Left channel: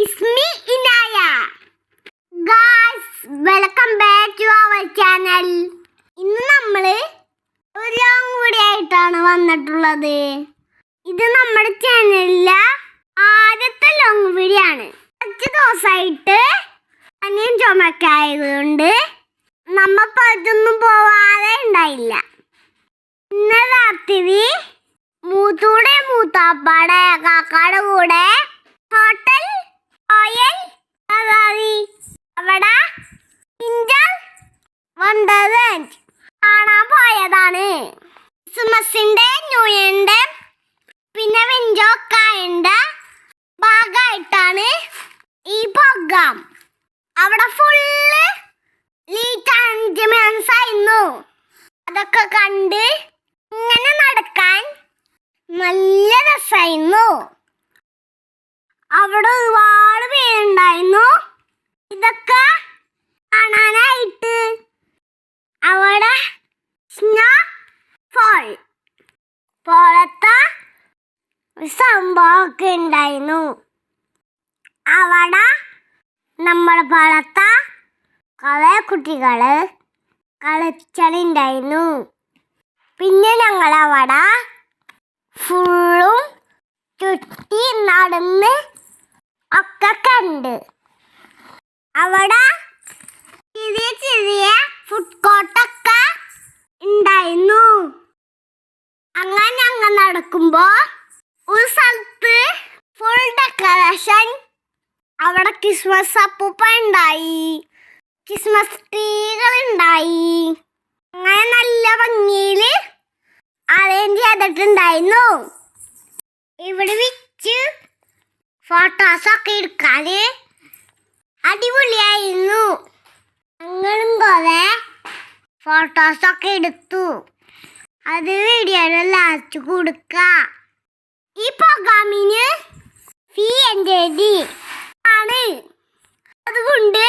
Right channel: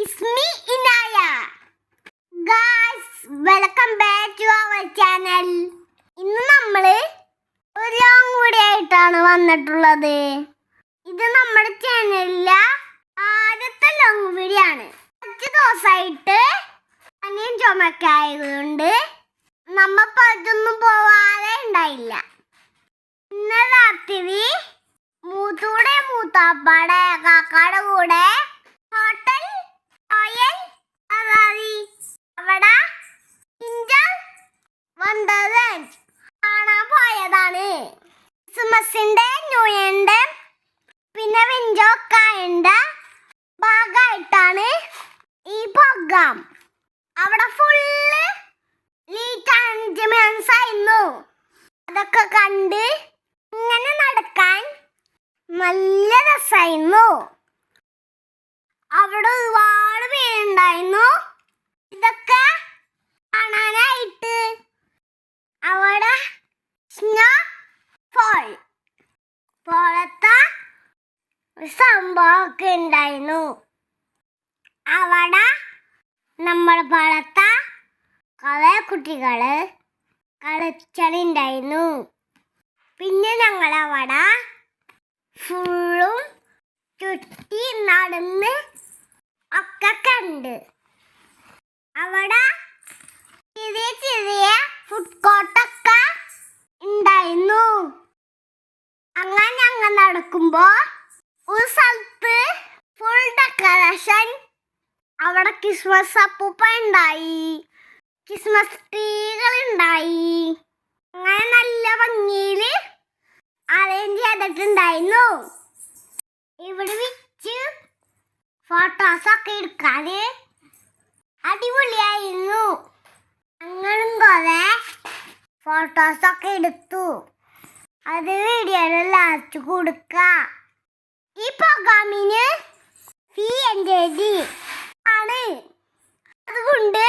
It's me, Inaya. Guys, welcome back to our channel. ഇന്ന് നമ്മള് ഒരു ലോങ് വീഡിയോ ആയിട്ടാണ് വന്നിട്ടുള്ളത്. ഇത് നമ്മുടെ ചാനലിലെ ആദ്യത്തെ ലോങ് വീഡിയോ ആണ്. കുറച്ച് ദിവസമായിട്ട് അനിയൻ ചുമക്കായതുകൊണ്ട് നമ്മ പുറത്തൊന്നും പോവാതെ ഉണ്ടായില്ല. ഇന്നലെ രാത്രി മൂത്താപ്പാടെ കാക്കാടെ കൂടെ ഹോട്ടൽ ഓയൽ അവിടെ ഇഞ്ചൽ വണ്ടർലാൻഡ് കാണാൻ പോയതാണ്. ക്രിസ്മസിന്റെ ന്യൂ ഇയറിന്റെ പിന്നെ വെഞ്ചോക്കായന്റെ ഭാഗമായിട്ടാണ് ഈ പ്രോഗ്രാം. അവിടെ ഫുള്ള് ലീറ്റ് അറേഞ്ച്മെന്റ്സ് ആയിരുന്നു. അതൊക്കെ കണ്ട് ഇങ്ങനെ നടക്കാൻ നല്ല രസമായിരുന്നു. അവിടെ ഒരുപാട് പേരുണ്ടായിരുന്നു. ഇതൊക്കെ കാണാനായിട്ട് അവിടെ സ്നോ പോലത്തെ സംഭവമൊക്കെ ഉണ്ടായിരുന്നു. അവിടെ നമ്മുടെ പോലത്തെ കുറേ കുട്ടികള് കളിച്ചുണ്ടായിരുന്നു. പിന്നെ ഞങ്ങളവിടെ ഫുള്ളും ചുറ്റി നടന്ന് ഒക്കെ കണ്ട്. അവിടെ ചെറിയ ഫുഡ് കോർട്ടൊക്കെ ഉണ്ടായിരുന്നു. അങ്ങനെ ഞങ്ങൾ നടക്കുമ്പോ ഒരു സ്ഥലത്ത് ഫുൾ ഡെക്കറേഷൻ. അവിടെ ക്രിസ്മസ് അപ്പൂപ്പ ഉണ്ടായി, ക്രിസ്മസ് ട്രീകൾ ഉണ്ടായി. അങ്ങനെ നല്ല ഭംഗിയിൽ അറേഞ്ച് ചെയ്തിട്ടുണ്ടായിരുന്നു. ഇവിടെ വെച്ച് ഫോട്ടോസൊക്കെ എടുക്കാന് അടിപൊളിയായിരുന്നു. ഞങ്ങളും കുറെ ഫോട്ടോസൊക്കെ എടുത്തു. അത് വീഡിയോയിൽ ലാസ്റ്റ് കൊടുക്കാം. ഈ പ്രോഗ്രാമിന് ഫീ എൻ്റെ ആണ്. അതുകൊണ്ട്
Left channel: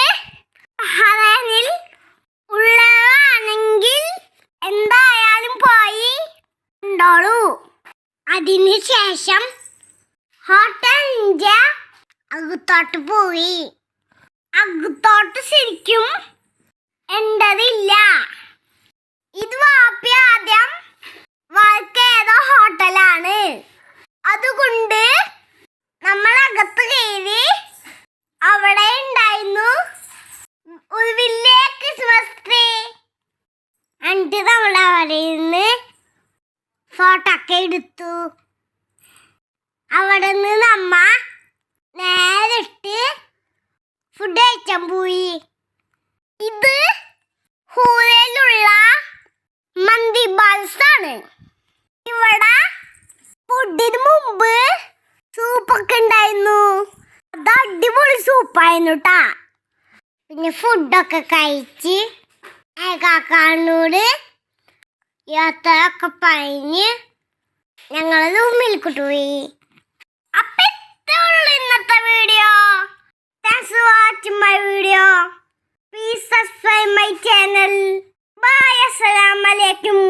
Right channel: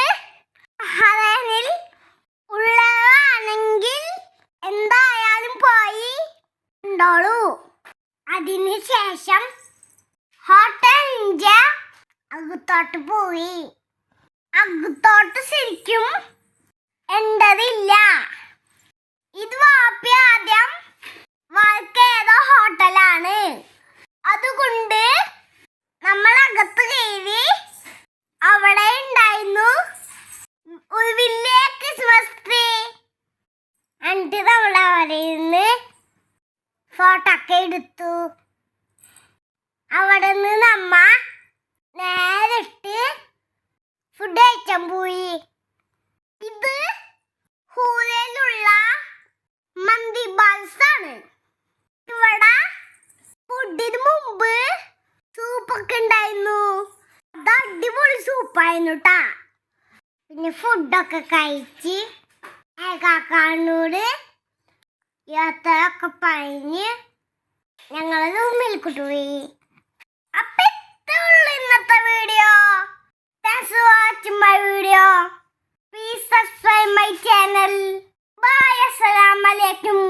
ഹറാനിൽ ഉള്ളതാണെങ്കിൽ എന്തായാലും പോയി കണ്ടോളൂ. അതിനുശേഷം ഹോട്ടലിൻ്റെ അകത്തോട്ട് പോയി. അകത്തോട്ട് ശരിക്കും എന്തതില്ല. ഇത് വാപ്പി ആദ്യം വർക്ക് ചെയ്ത ഹോട്ടലാണ്. അതുകൊണ്ട് നമ്മളകത്ത് കയറി അവിടെ ഉണ്ടായിരുന്നു ഒരു വലിയ ക്രിസ്മസ് ട്രീ. എന്നിട്ട് നമ്മളവിടെ നിന്ന് ഫോട്ടോ ഒക്കെ എടുത്തു. അവിടെ നിന്ന് നമ്മ നേരിട്ട് ഫുഡ് കഴിക്കാൻ പോയി. ഇത് ഹൂരയിലുള്ള മന്തി ബാൽസാണ്. ഇവിടെ ഫുഡിന് മുമ്പ് സൂപ്പൊക്കെ ഉണ്ടായിരുന്നു. അത് അടിപൊളി സൂപ്പായിരുന്നു കേട്ടാ. പിന്നെ ഫുഡൊക്കെ കഴിച്ച് കാക്കാനോട് യാത്രയൊക്കെ പറഞ്ഞ് ഞങ്ങൾ റൂമിൽക്കിട്ട് പോയി. അപ്പം ഇത്രേ ഉള്ളൂ ഇന്നത്തെ video. Thanks for watching my video. Please subscribe my channel. Bye. അസ്സലാമു അലൈക്കും.